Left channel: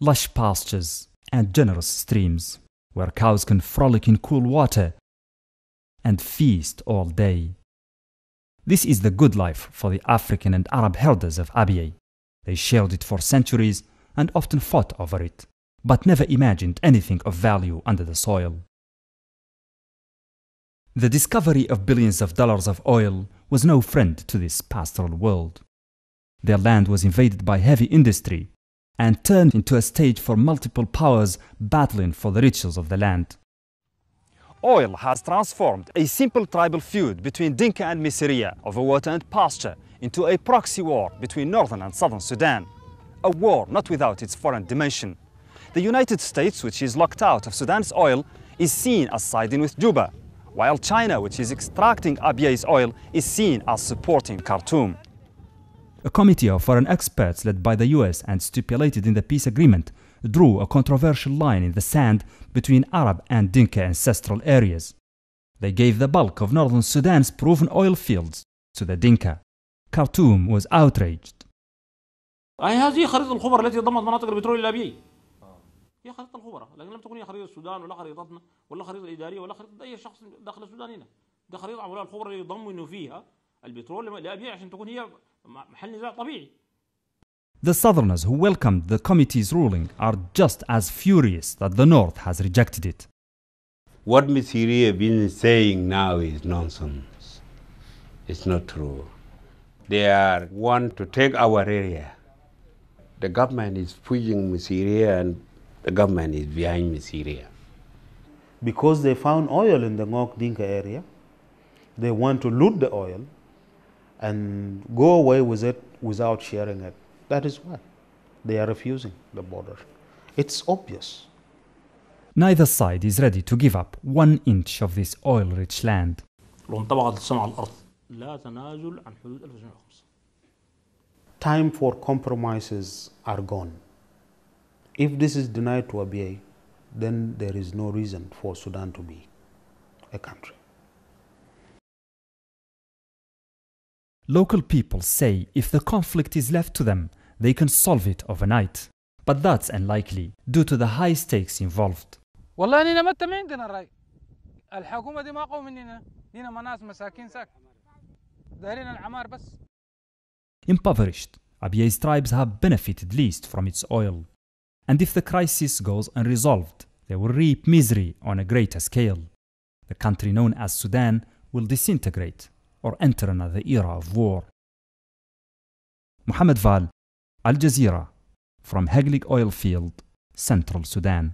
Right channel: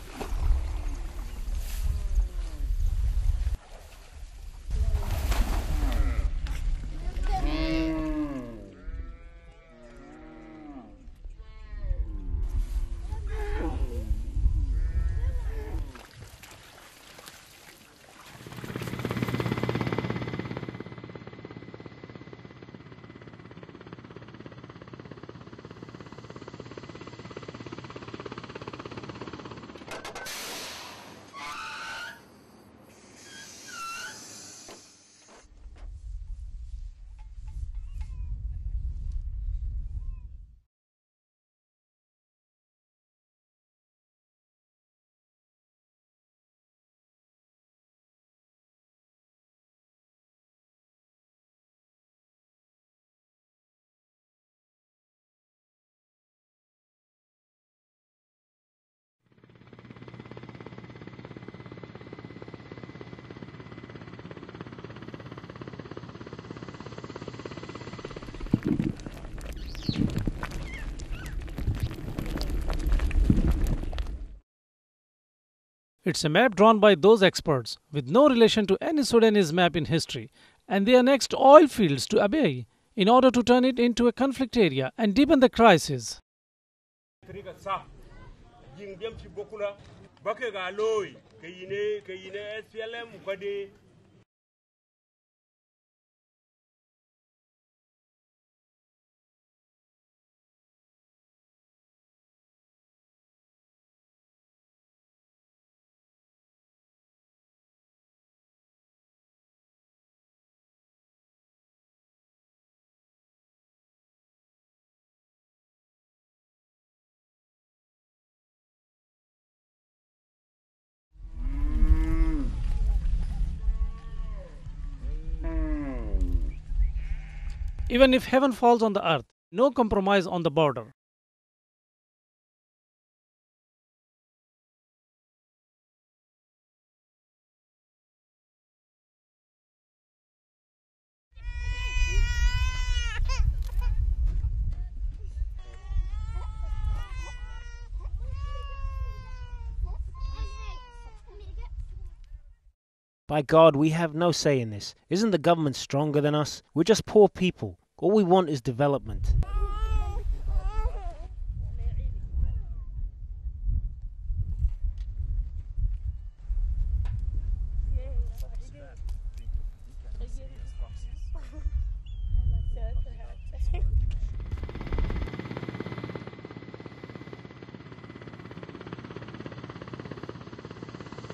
lush pastures and generous streams where cows can frolic in cool water and feast all day. This is the good life for the African and Arab herders of Abyei. They shared it for centuries and often fought over it, but never imagined anything of value under the soil. The discovery of billions of dollars of oil was no friend to this pastoral world. Their land was invaded by heavy industry and turned into a stage for multiple powers battling for the riches of the land. Oil has transformed a simple tribal feud between Dinka and Misriya over water and pasture into a proxy war between northern and southern Sudan. A war not without its foreign dimension. The United States, which is locked out of Sudan's oil, is seen as siding with Juba, while China, which is extracting Abyei's oil, is seen as supporting Khartoum. A committee of foreign experts led by the US and stipulated in the peace agreement drew a controversial line in the sand between Arab and Dinka ancestral areas. They gave the bulk of northern Sudan's proven oil fields to the Dinka. Khartoum was outraged. It's a map drawn by those experts with no relation to any Sudanese map in history, and they annexed oil fields to Abyei in order to turn it into a conflict area and deepen the crisis. The Southerners who welcomed the committee's ruling are just as furious that the North has rejected it. What Misiri has been saying now is nonsense. It's not true. They want to take our area. The government is pushing Misiri and the government is behind Misiri. Because they found oil in the Ngok Dinka area, they want to loot the oil and go away with it without sharing it. That is why they are refusing the border. It's obvious. Neither side is ready to give up 1 inch of this oil-rich land. Even if heaven falls on the earth, no compromise on the border. Time for compromises are gone. If this is denied to Abyei, then there is no reason for Sudan to be a country. Local people say if the conflict is left to them, they can solve it overnight. But that's unlikely due to the high stakes involved. My God, we have no say in this. Isn't the government stronger than us? We're just poor people. All we want is development. Impoverished, Abyei's tribes have benefited least from its oil. And if the crisis goes unresolved, they will reap misery on a greater scale. The country known as Sudan will disintegrate or enter another era of war. Mohamed Vall, Jazeera, from Heglig oil field, Central Sudan.